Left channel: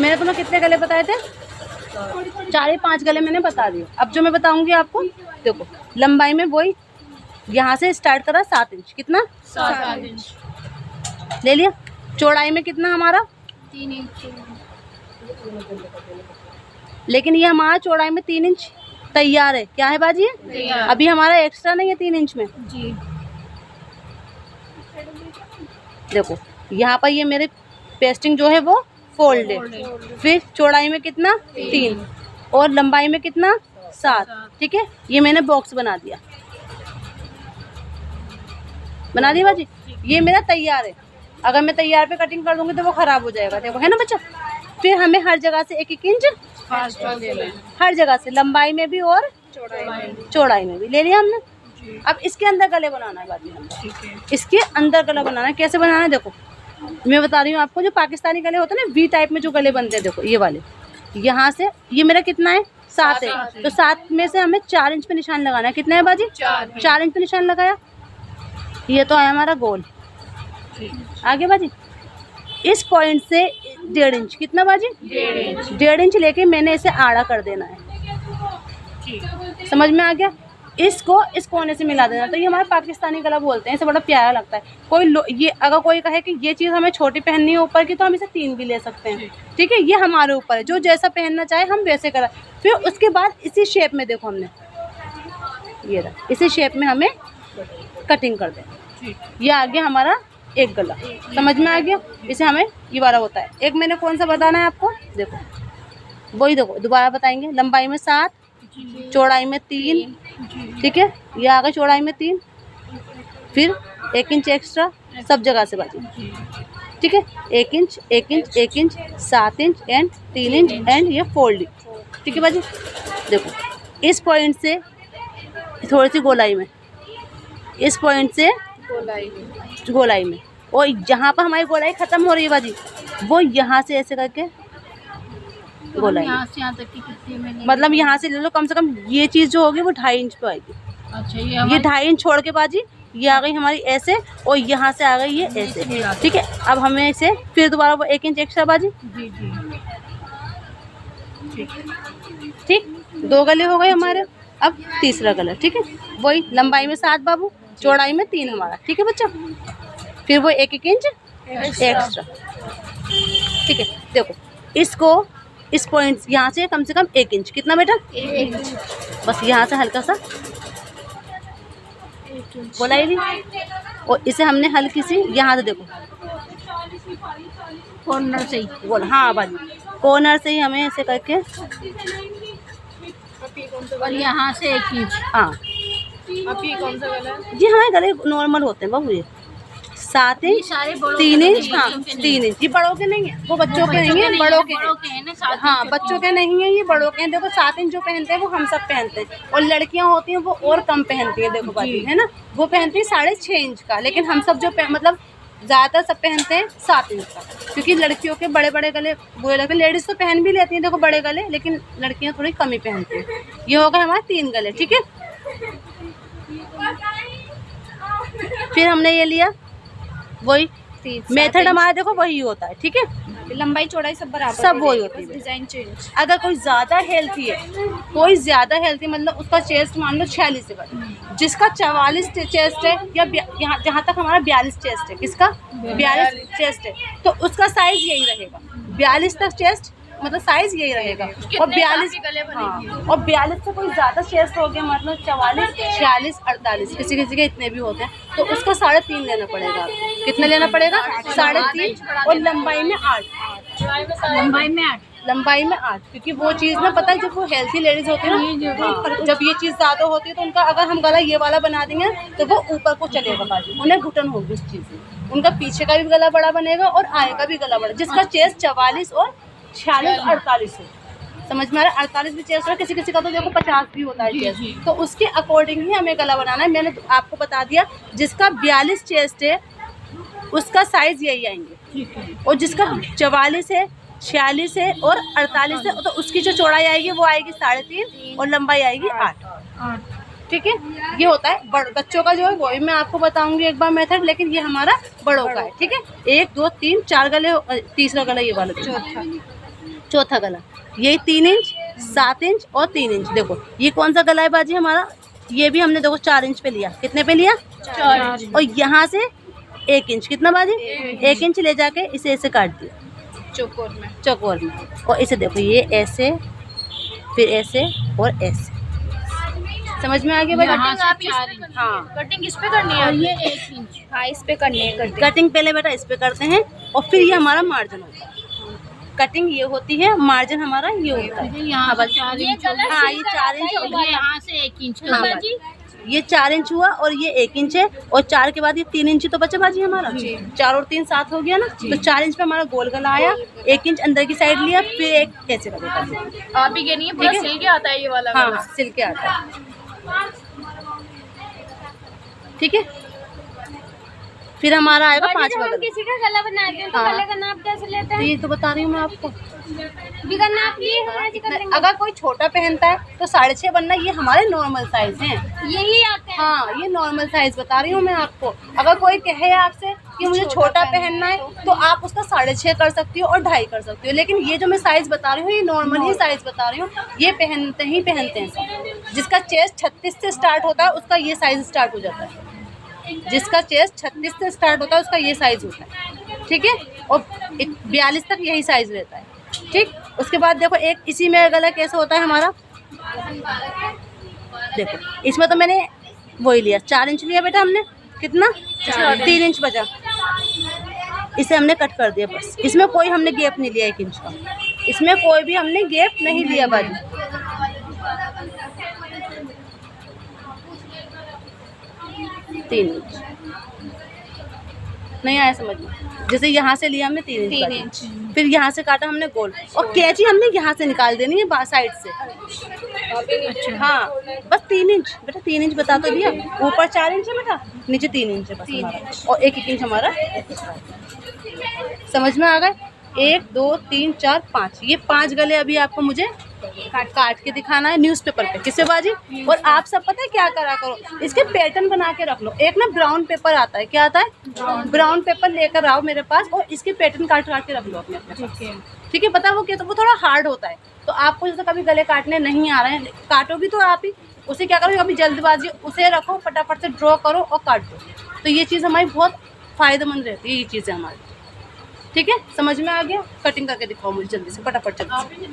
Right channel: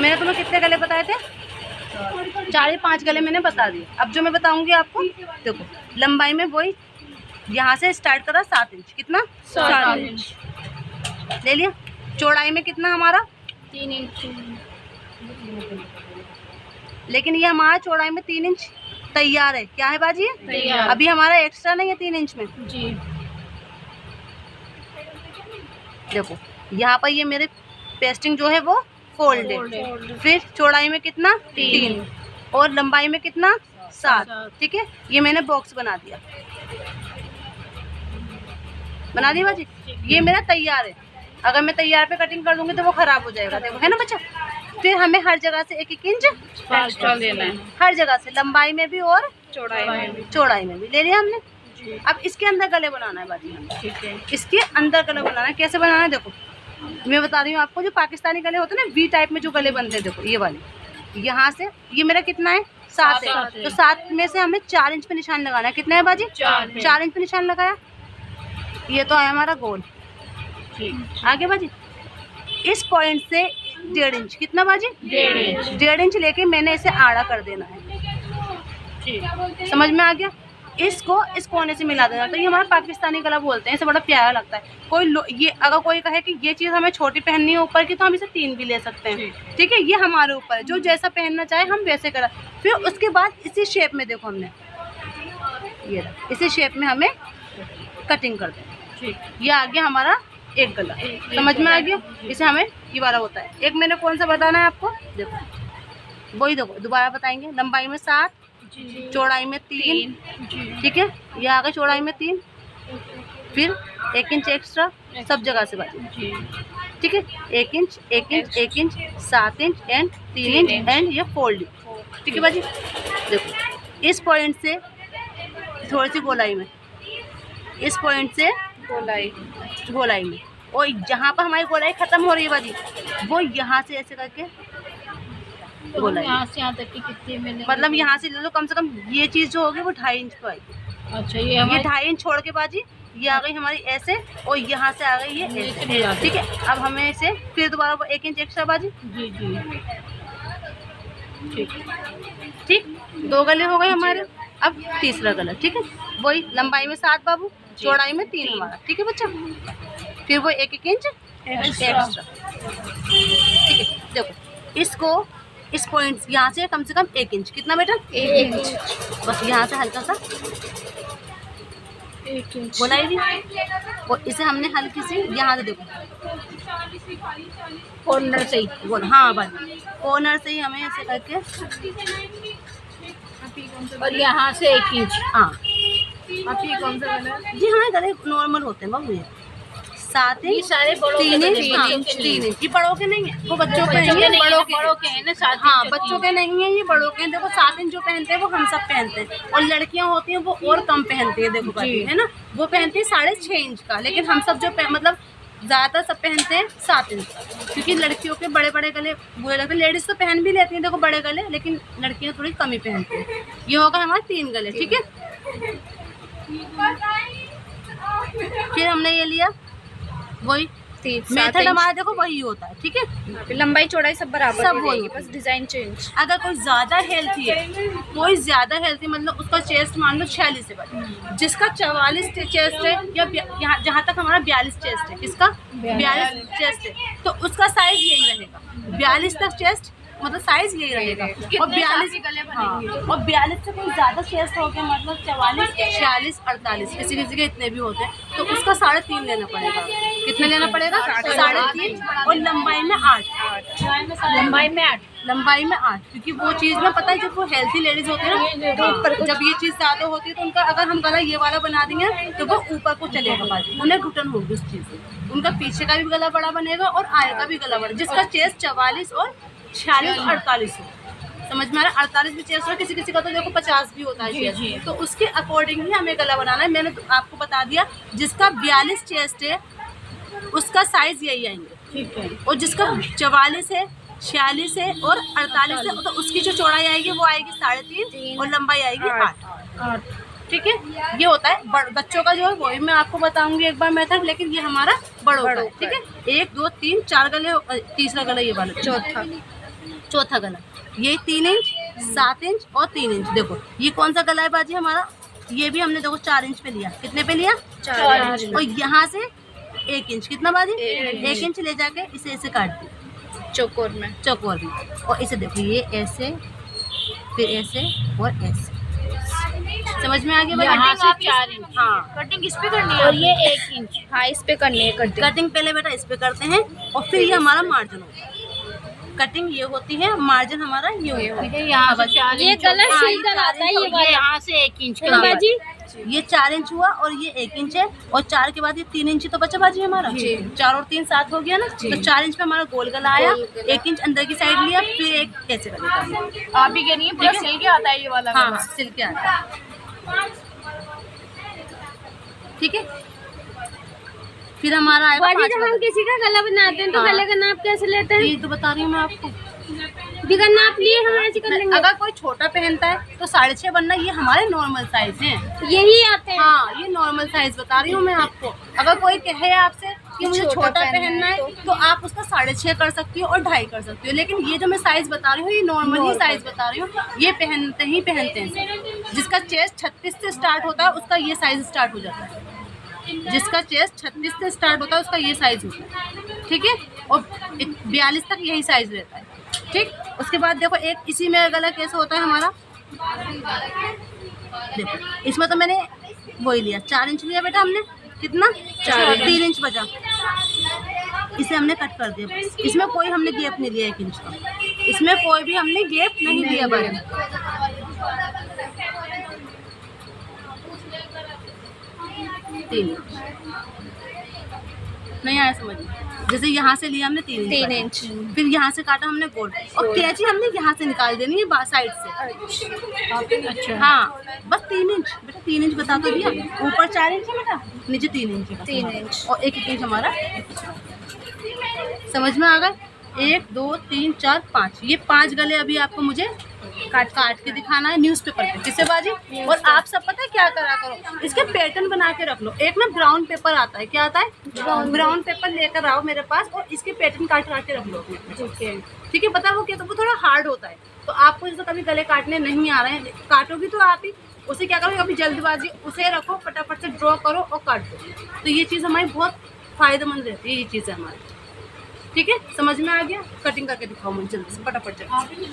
मैंने तुम्हें कितने गले बताए थे? 4 या 5 गले मैंने बता दिए। अब जो मैं बताऊंगी आपको, देखो लंबाई में वही यहाँ से स्टार्ट करा 7 इंच। कितना? 7 इंच ले लिया। चौड़ाई में कितना हमारा? 3 इंच। लेकिन ये हमारा चौड़ाई में 3 इंच तैयार है। क्या है बाजी? तैयार। अभी हमारा एक्स्ट्रा नहीं है 3 इंच में। जी। देखो यहाँ पर ये मेरे पेस्टिंग जो है वो फोल्ड है। फिर चौड़ाई में कितना? 3 और लंबाई में कितना? 7। ठीक है, ये मैंने बॉक्स बना दिया। बना दिया बाजी। ये मेरा तैयार है। अगर मैं तैयार पे कटिंग कर दूंगी तो वो खराब हो जाएगा। देखो है ना बच्चा। फिर हमें हर जगह से 1-1 इंच एक्स्ट्रा देना है, हर जगह से, लंबाई में भी और चौड़ाई में भी ले लिया हमने। जी। अब इसके अंदर गले बनाना है बाजी हमें। ठीक है। इसके अंदर गला बनाना है। कैसे बनाना है? देखो मैं बता रही हूँ आपको। जो पाकिस्तानी गले होते हैं ना, वी टाइप में जो गले बनते हैं, देखो ये वाले, यहाँ से ये मेरा कितना है? 7 है। तो 7 में से हमें 4 इंच पे निशान लगाना है। कितना है बाजी? 4 इंच पे निशान लगाया। ये तो आया हमारा गोल। आगे बाजी इस पॉइंट से 1.5 इंच। कितना बाजी? 1.5 इंच लेके मैंने इसे आड़ा कर देना है। समझ में आ गया? इसको इस कोने से मिला देना। तो ये हमारा पाकिस्तानी गला बोलते हैं। इसे बड़ा प्यारा लगता है। ये अगर कोई कहे कि ये चीज़ हमें छोटी पहननी है ऊपर की, तो हम इसे 3 भी ले सकते हैं। ठीक है, ये हमारे ऊपर है। जो जैसा पहनना चाहे हम वैसे करा। फिर उसके बाद इसी शेप में, देखो हमने ये रहा, इसी शेप में हमें कटिंग कर देना। ये आ गया हमारा एक गला। समझ में आ गया? इसे हमें ये वाला होता है। एक मैंने कौन सा बताना है आपको? देखो वही, देखो दोबारा बताएंगे। लंबाई में 7, चौड़ाई में 3। ठीक है, ये आ गया चौड़ाई में 3। फिर 1 इंच एक्स्ट्रा सब जगह से बाजी। ठीक है, 1 inch 1 inch 1 inch 7 inch and 3 inch and ये फोल्ड। ठीक है बाजी। देखो इस पॉइंट से थोड़ी सी गोलाई में, इस पॉइंट से गोलाई में, और जहाँ पर हमारी गोलाई खत्म हो रही है बाजी, वो यहाँ से ऐसे करके गोलाई, यहाँ से यहाँ तक की कितनी मैंने, मतलब यहाँ से ले लो, कम से कम ये चीज़ जो होगी वो 2.5 इंच पे आएगी। अच्छा, ये 2.5 इंच छोड़ के बाजी ये आ गई हमारी ऐसे, और यहाँ से आ गई ये ऐसे। ठीक है, अब हमें इसे फिर दोबारा वो 1 इंच एक्स्ट्रा बाजी। जी जी ठीक, 2 गले हो गए हमारे। अब तीसरा गला। ठीक है, वही लंबाई में 7 बाबू, चौड़ाई में 3 हमारा। ठीक है बच्चा, फिर वो 1-1 इंच एक्स्ट्रा। ठीक है, देखो इसको इस पॉइंट यहाँ से कम 1 इंच। कितना बेटा? 1 इंच। बस यहाँ से हल्का सा 1 इंच बोलाएगी, और इसे हमने हल्की सी यहाँ से, देखो कॉर्नर से ही बोल, हाँ बस कॉर्नर से ही हमें ऐसे करके, और यहाँ से 1 इंच। हाँ आप ये कौन सा गला है? जी हमारे गले नॉर्मल होते हैं बाबू। ये 7 इंच, 3 इंच, हाँ 3 इंच। ये बड़ों के नहीं है, वो बच्चों के नहीं है, बड़ों के हैं ना। हाँ बच्चों के नहीं है, ये बड़ों के हैं। देखो 7 इंच जो पहनते हैं वो हम सब पहनते हैं, और लड़कियां होती हैं वो और कम पहनती है। देखो बाजी है ना, वो पहनती है 6.5 इंच का, लेकिन हम सब जो मतलब ज़्यादातर सब पहनते हैं 7 इंच का, क्योंकि लड़कियों के बड़े बड़े गले बुरे लगते हैं। लेडीज़ तो पहन भी लेती हैं देखो बड़े गले, लेकिन लड़कियां थोड़ी कम ही पहनती हैं। ये होगा हमारे 3 गले। ठीक है, फिर हमने ये लिया, वही मेथड हमारा देखो वही होता है। ठीक है, लंबाई चौड़ाई सब बराबर, सब वही होती बस है। Design change. अगर कोई ज़्यादा हेल्थी है, कोई ज़्यादा हेल्थी मतलब उसका चेस्ट मान लो 46 है बड़ा, जिसका 44 चेस्ट है, या यहाँ जहाँ तक हमारा 42 चेस्ट है, किसका 42 चेस्ट है, तो उसका साइज यही रहेगा। 42 तक चेस्ट मतलब साइज यही रहेगा। और 42 और 42 से कोई ज़्यादा चेस्ट हो गया, मतलब 44 46 48 किसी किसी के इतने भी होते हैं, तो उसका 3.5 लेना पड़ेगा आपको। कितने लेना पड़ेगा? 3.5। और लंबाई में 8। लंबाई में 8, क्योंकि वो चीज़ ना पता है, जब वो हेल्थी लेडीज होती है ना, जब ये चीज़ ज़्यादा होती है तो उनका, अगर हम गला ये वाला बना देंगे तो वो ऊपर को चलेगा बाजू, उन्हें घुटन होगी उस चीज़ से। उनका पीछे का भी गला बड़ा बनेगा और आगे का भी गला बड़ा, जिसका चेस्ट 44 और 46 48 हो। समझ में आ रहा है? 48 भी चेस्ट हो, किसी किसी का तो देखो 50 भी होता है चेस्ट, तो उसके अकॉर्डिंग ही हमें गला बनाना है। मैंने तो आपको बता दिया, जिसका 42 चेस्ट है उसका साइज यही आएंगे। ठीक है, और जिसका 44 है 46 है और 48 है, तो उसकी जो चौड़ाई आएगी वो आएगी 3.5 और लंबाई आएगी 8। ठीक है, ये होता है बच्चों का जो है, वही मैं आपको बताऊंगी एक बार मेथड, लेकिन ये हमारा बड़ों का है। ठीक है, 1 2 3 4 गले, तीसरा गला ये वाला, चौथा गला, यही 3 इंच, 7 इंच और 3 इंच। देखो ये कौन सा गला है बाजी हमारा, ये भी हमने देखो 4 इंच पे लिया। कितने पे लिया? 4 इंच। और यहाँ से 1 इंच, कितना बाजी? 1 इंच ले जाके इसे ऐसे काट दिया चौकोर में। चौकोर में। और इसे देखो ये ऐसे, फिर ऐसे और ऐसे। समझ में आ गया बाजी? कटिंग आप 4 इंच। हाँ, कटिंग इस पे करनी है और ये 1 इंच। हाँ इस पे करनी है कटिंग। कटिंग पहले बेटा इस पे करते हैं और फिर ये हमारा मार्जिन होता है। कटिंग ये होती है, मार्जिन हमारा ये होता है। यहाँ से 4 ये इंच। गला हाँ, सीधा आता है, ये यहाँ से 1 इंच हाँ, का। बाजी ये 4 इंच हुआ और ये 1 इंच है, और 4 के बाद ये 3 इंच तो बचा बाजी हमारा। 4 और 3 7 हो गया ना, तो 4 इंच पे हमारा गोल गला आया। 1 इंच अंदर की साइड लिया, फिर एक कैसे लगेगा। आप ही कह रही है पूरा सिल के आता है ये वाला हाँ, गला। सिल के आता है। ठीक है, फिर हमारा आएगा बाजी, जब 5वां हम गला। किसी का गला बनाते हैं तो हाँ। गले का नाप कैसे लेते हैं? ये तो बता रही हूँ मैं आपको। बिगर नाप लिए हम ऐसे कर लेंगे। अगर कोई छोटा पहनता है तो 6.5 बनना, ये हमारे नॉर्मल साइज हैं। यही आते हैं। हाँ, ये नॉर्मल साइज बता रही हूँ मैं आपको। अगर कोई कहे आपसे कि मुझे छोटा पहनना है तो आप उसका 6.5 कर सकती हो और 2.5 कर सकती हो, लेकिन ये जो मैं साइज बता रही हूँ ये नॉर्मल ही साइज बता रही हूँ। ये पहनते हैं सब। जिसका चेस्ट 36 से स्टार्ट होता है उसका ये साइज स्टार्ट हो जाता है। जिसका चेस्ट 36 से स्टार्ट होता है उसका ये साइज होता है। ठीक है, और 42 तक यही साइज रहता है। ठीक, उसके बाद देखो एक इसी में गला कैसे होता है हमारा। देखो इसमें तो मैंने वही लिया, 4 इंच लिया बेटा हमने। कितना? 3 इंच बचा, इसे हमने कट कर दिया बस। इसमें कोई हमने गैप नहीं लिया 1 इंच का, इसमें कोई भी हमने गैप नहीं लिया बाजी। 3 इंच नहीं आया समझ में? जैसे यहाँ से लिया हमने 3 3 इंच, इंच। फिर यहाँ से काटा हमने गोल, और कैची हमने यहाँ से निकाल देनी है साइड से। अच्छा। हाँ, बस 3 इंच बेटा, 3 इंच बता तो दिया। ऊपर 4 इंच है बेटा, नीचे 3 इंच है बस 3 हमारा। इंच। और 1 इंच हमारा। समझ में आ गए? 1 2 3 4 5, ये 5 गले अभी आपको मुझे काट के दिखाना है न्यूज़पेपर पे। किससे बाजी? और आप सब पता है क्या करा करो, इसके पैटर्न बना के रख लो। एक ना ब्राउन पेपर आता है, क्या आता है? ब्राउन पेपर लेकर आओ मेरे पास और इसके पैटर्न काट के रख लो अपने। ठीक है, पता है वो क्या, तो वो थोड़ा हार्ड होता है। तो आपको जैसे कभी गले काटने नहीं आ रहे हैं, काटोगे तो आप ही उसे क्या करो, कभी जल्दबाजी उसे रखो, फटाफट से ड्रॉ करो और काट दो। तो ये चीज़ हमारी बहुत फ़ायदेमंद रहती है, ये चीज़ें हमारी। ठीक है, समझ में आ गया? कटिंग करके दिखाओ मुझे जल्दी से, फटाफट जल्दी से।